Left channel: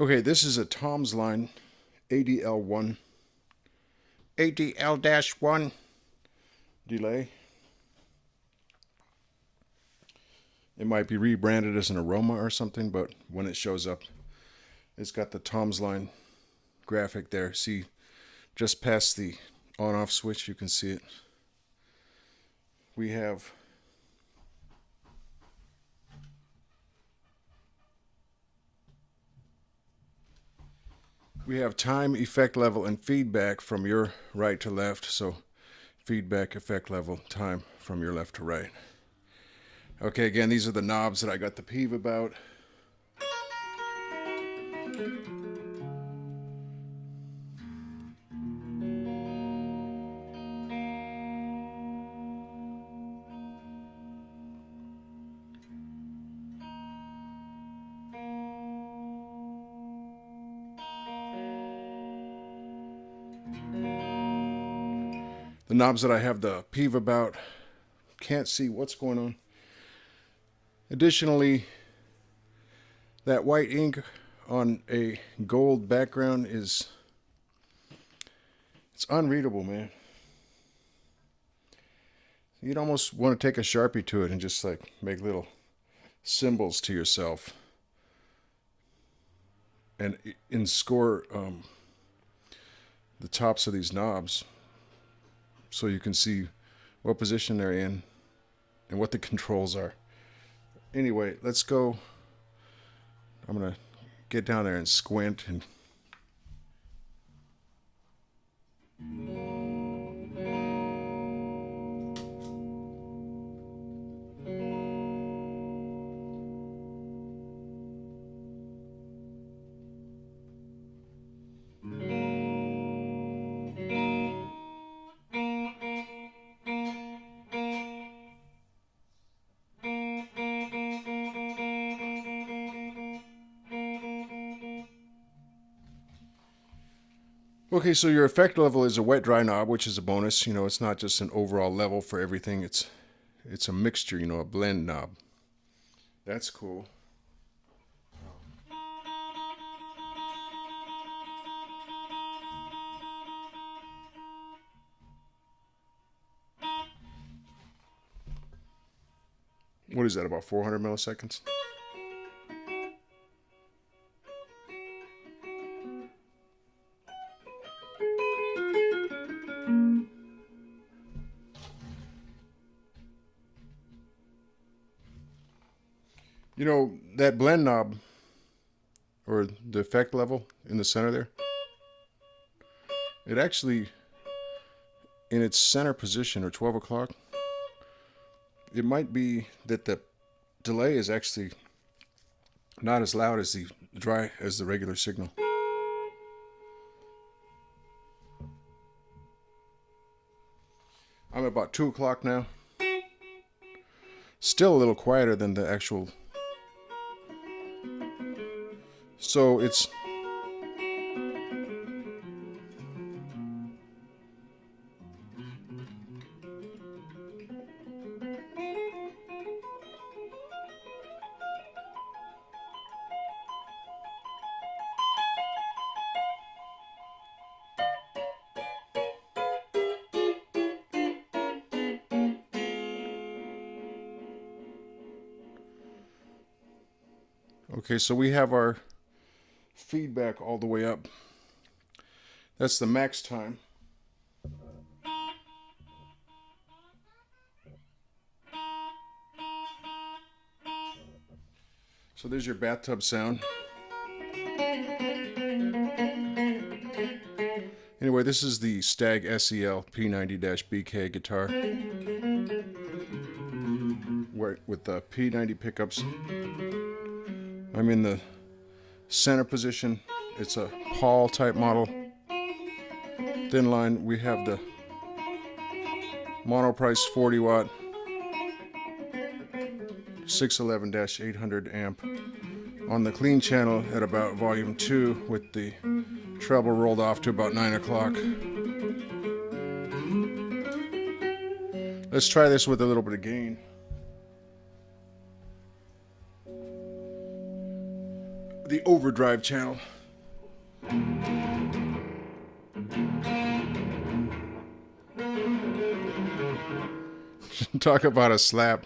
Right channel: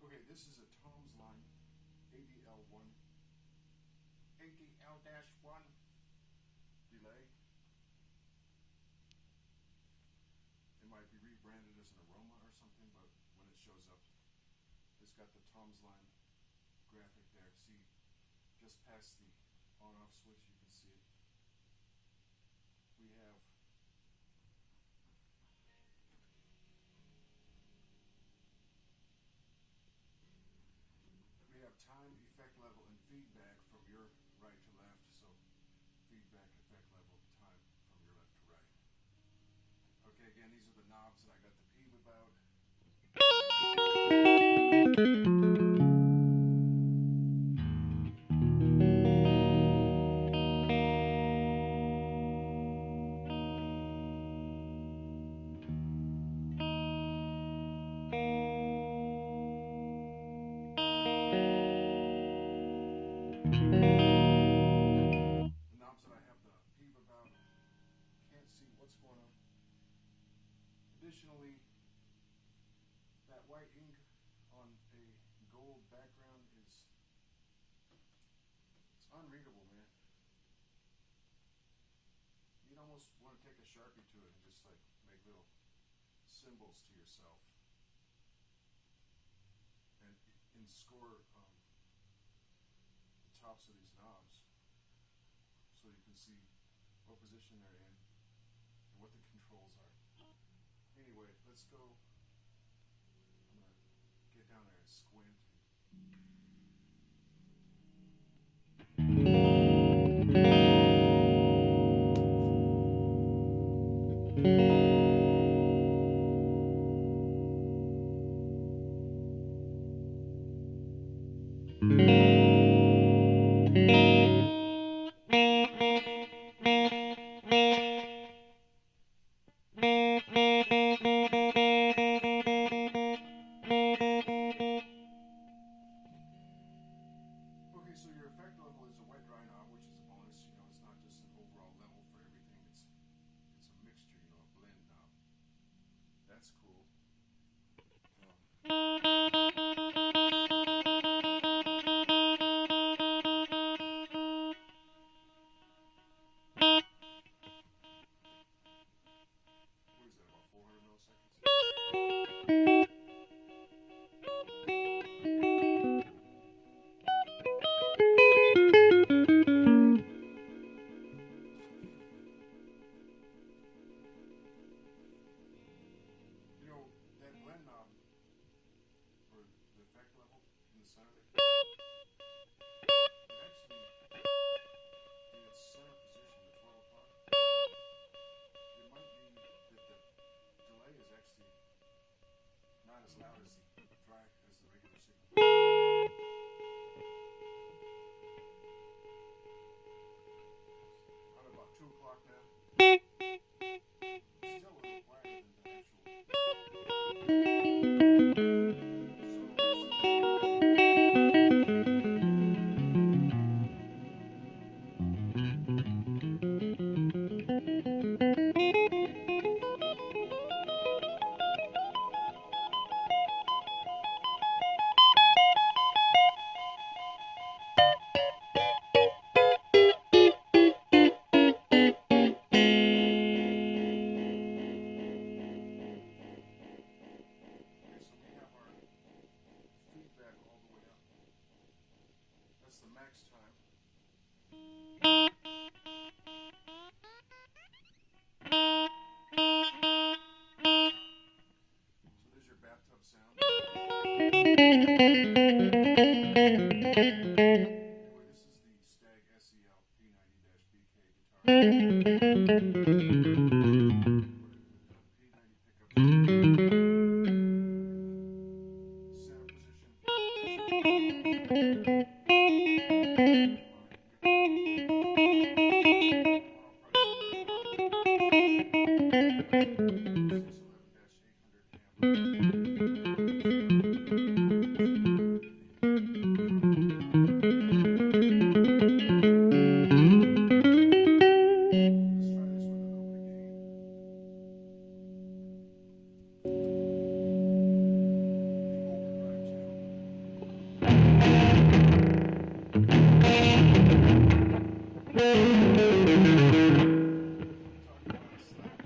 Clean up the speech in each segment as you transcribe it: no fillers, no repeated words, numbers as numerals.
Okay, this is a Tomsline ADL-1 ADL-1 delay. It might be rebranded as an Aroma or something, but when it shows up, it's got the Tomsline graphic there. See, just past the on-off switch, you can see it. We have time, effect level, and feedback from your right to left. So feedback, effect level, time from your left to right. Okay, again, these are the knobs that I got the peeve about. The knobs that I have the peeve about, can't see what's going on. Additionally, that white ink on a gold background it's unreadable, man. You'd almost want to take a Sharpie to it and just like make little symbols to yourself and score the tops of these knobs so you can see what position they're in and what the controls are. Anyway, let's go. I'm gonna get down there and squint and okay, so your effect level is a wet dry knob, which is a bonus. You know, it's not just an overall level for everything. It's a mixture, you know, a blend knob. That's cool. What is that, about 400 milliseconds? You know, that blend knob, or the effect level in the center there, it actually, in its center position, or 12 o'clock, it might be that the delay is actually not as loud as the regular signal. I'm about 2 o'clock now. Still a little quieter than the actual. So it's okay, so we have our feedback all the way up. That's the max time. So there's your bathtub sound. Anyway, this is the Stag SEL P90-BK guitar with the P90 pickups. I'm in the center position. It's a Paul type model. Thin line, we have the Monoprice 40 watt 611-800 amp on the clean channel at about volume 2 with the treble rolled off to about 9 o'clock. Let's try this with a little bit of gain. the overdrive channel. Talk about a slap.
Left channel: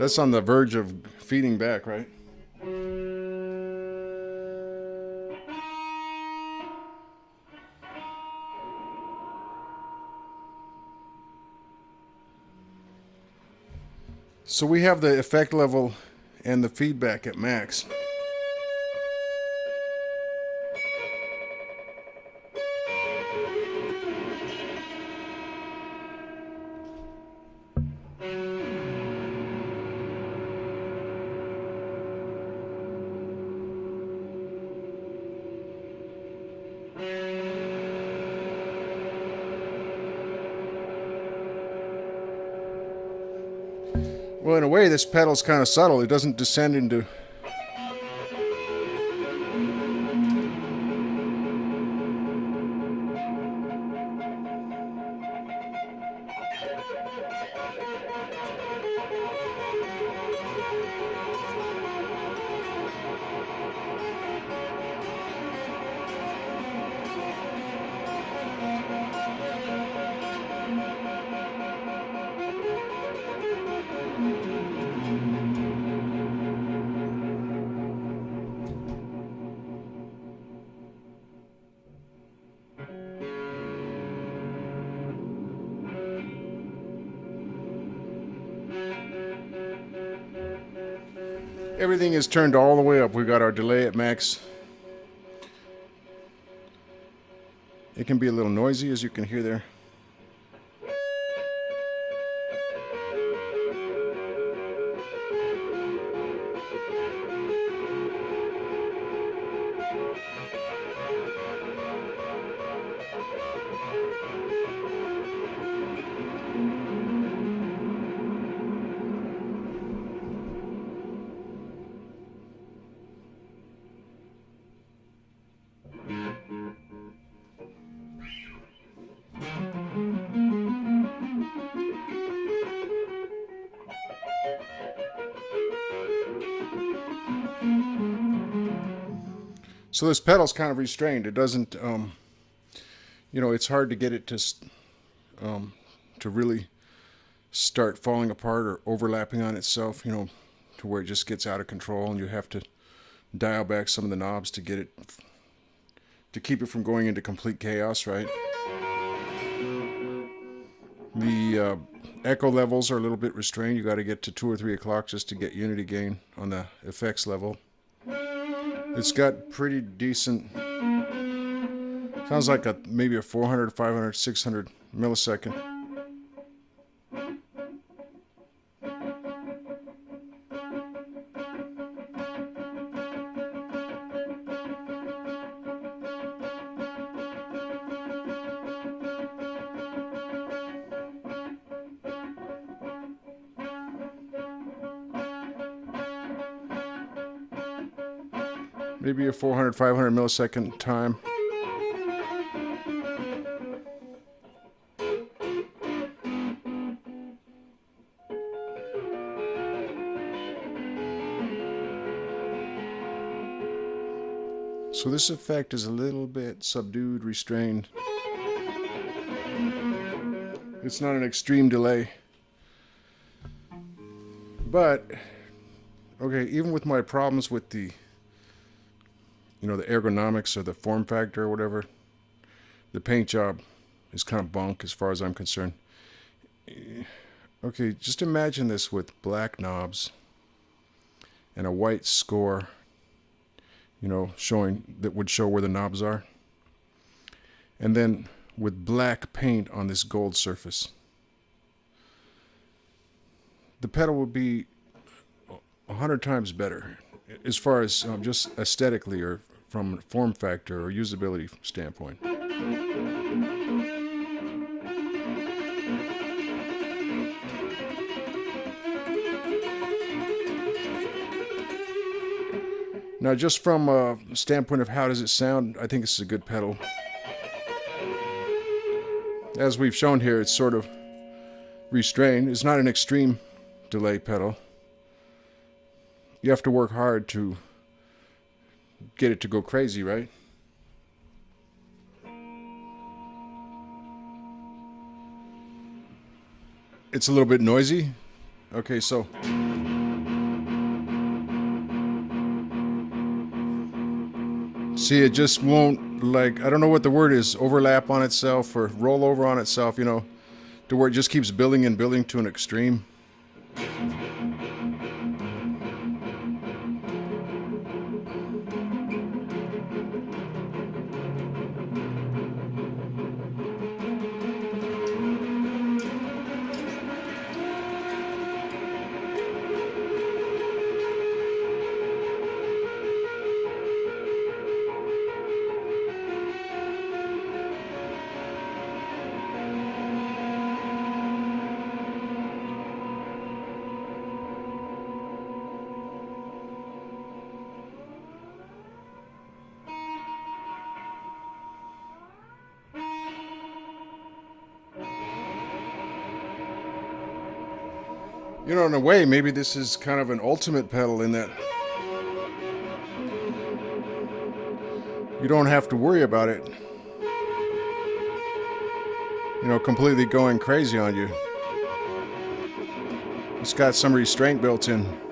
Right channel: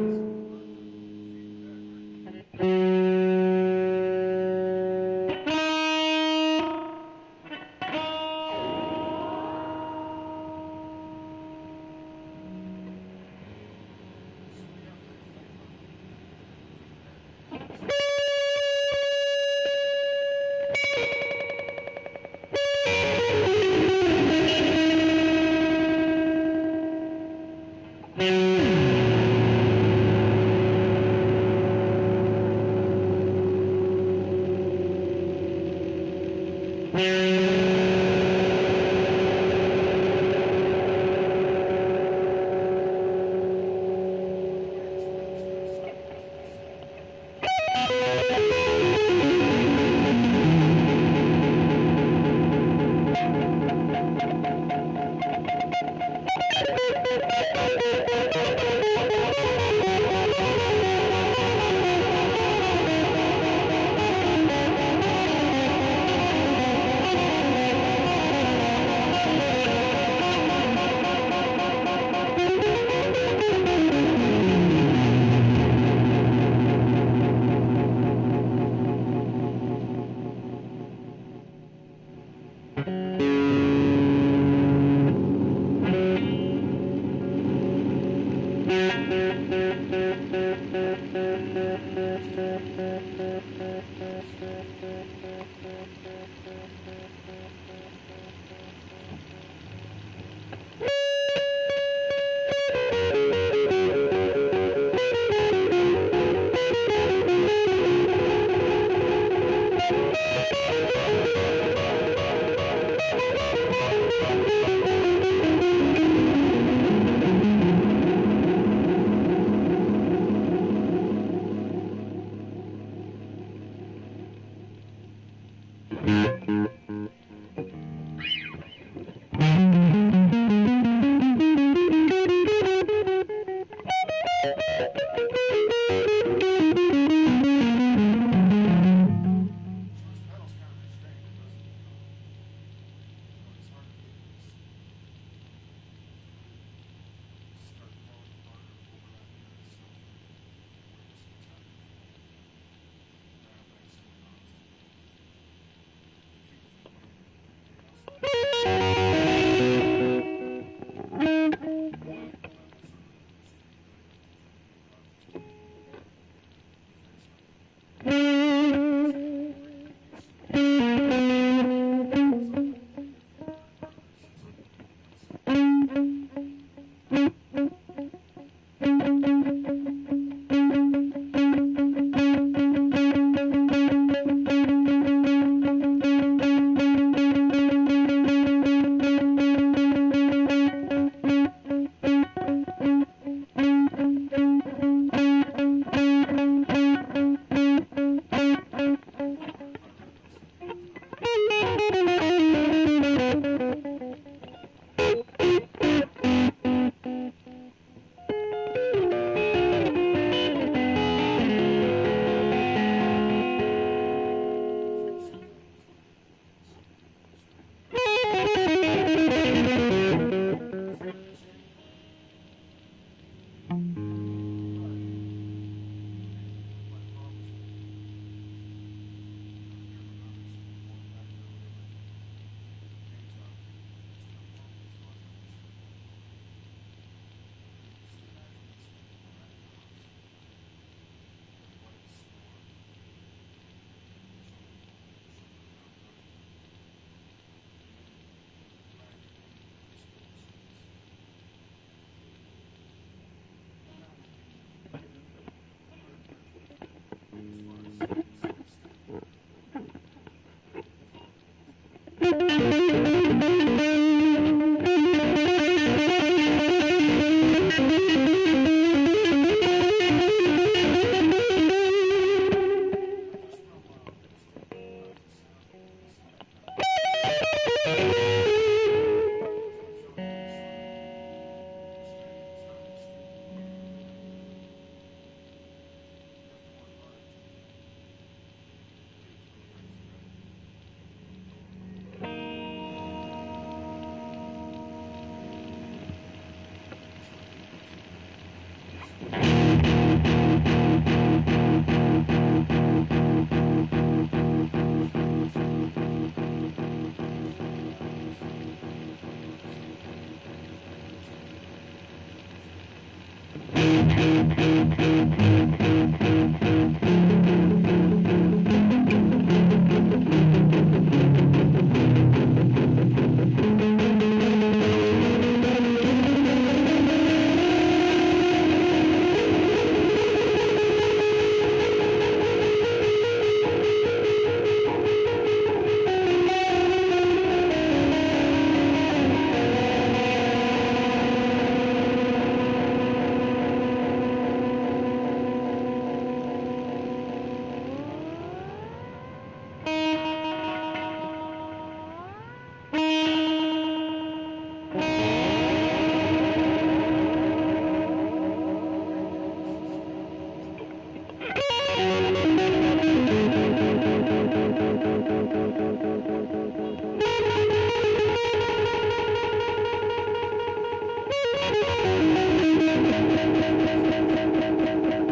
That's on the verge of feeding back, right? So we have the effect level and the feedback at max. Well, in a way, this pedal is kind of subtle. It doesn't descend into... Everything is turned all the way up. We got our delay at max. It can be a little noisy, as you can hear there. So this pedal's kind of restrained. It doesn't, you know, it's hard to get it to really start falling apart or overlapping on itself, you know, to where it just gets out of control, and you have to dial back some of the knobs to get it, to keep it from going into complete chaos, right? The echo levels are a little bit restrained. You got to get to 2 or 3 o'clock just to get unity gain on the effects level. It's got pretty decent, sounds like maybe a 400, 500, 600 millisecond. Maybe a 400, 500 millisecond time. So this effect is a little bit subdued, restrained. It's not an extreme delay. But, okay, even with my problems with the, you know, the ergonomics or the form factor or whatever, the paint job is kind of bunk as far as I'm concerned. Okay, just imagine this with black knobs and a white score, you know, showing, that would show where the knobs are. And then with black paint on this gold surface. The pedal would be 100 times better as far as just aesthetically or from a form factor or usability standpoint. Now, just from a standpoint of how does it sound, I think this is a good pedal. As we've shown here, it's sort of restrained. It's not an extreme delay pedal. You have to work hard to get it to go crazy, right? It's a little bit noisy. Okay, so see, it just won't, like, I don't know what the word is, overlap on itself or roll over on itself, you know, to where it just keeps building and building to an extreme. You know, in a way, maybe this is kind of an ultimate pedal in that you don't have to worry about it, you know, completely going crazy on you. It's got some restraint built in.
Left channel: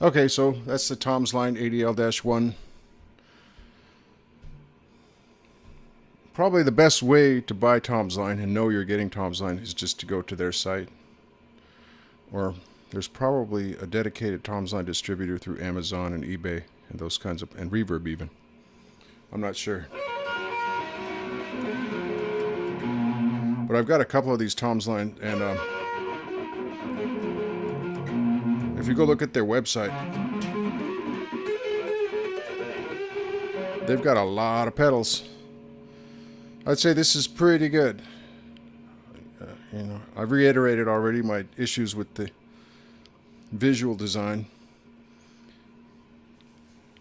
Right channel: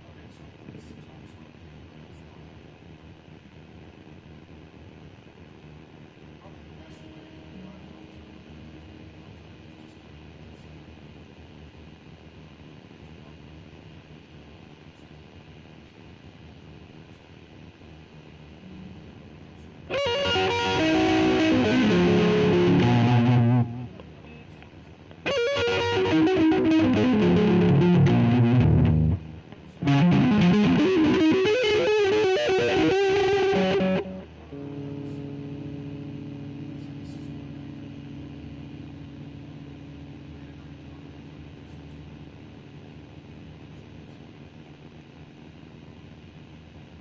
Okay, so that's the Tomsline ADL-1. Probably the best way to buy Tomsline and know you're getting Tomsline is just to go to their site. Or there's probably a dedicated Tomsline distributor through Amazon and eBay and those kinds of, and Reverb even. I'm not sure. But I've got a couple of these Tomsline, and if you go look at their website, they've got a lot of pedals. I'd say this is pretty good. You know, I've reiterated already my issues with the visual design.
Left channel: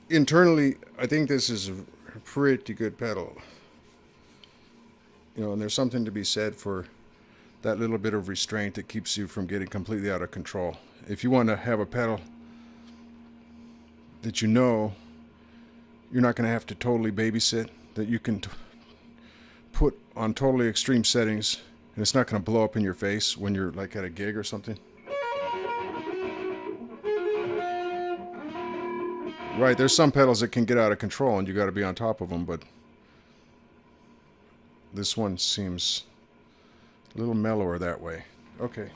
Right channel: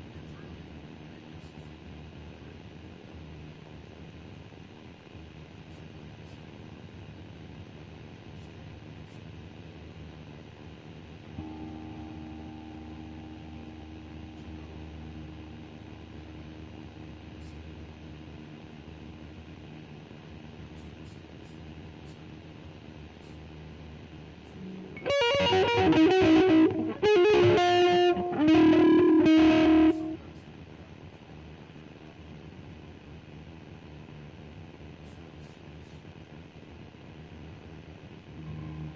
Internally, I think this is a pretty good pedal. You know, and there's something to be said for that little bit of restraint that keeps you from getting completely out of control. If you want to have a pedal that you know you're not going to have to totally babysit, that you can put on totally extreme settings, and it's not going to blow up in your face when you're like at a gig or something. Right, there's some pedals that can get out of control and you got to be on top of them, but this one seems a little mellower that way. Okay.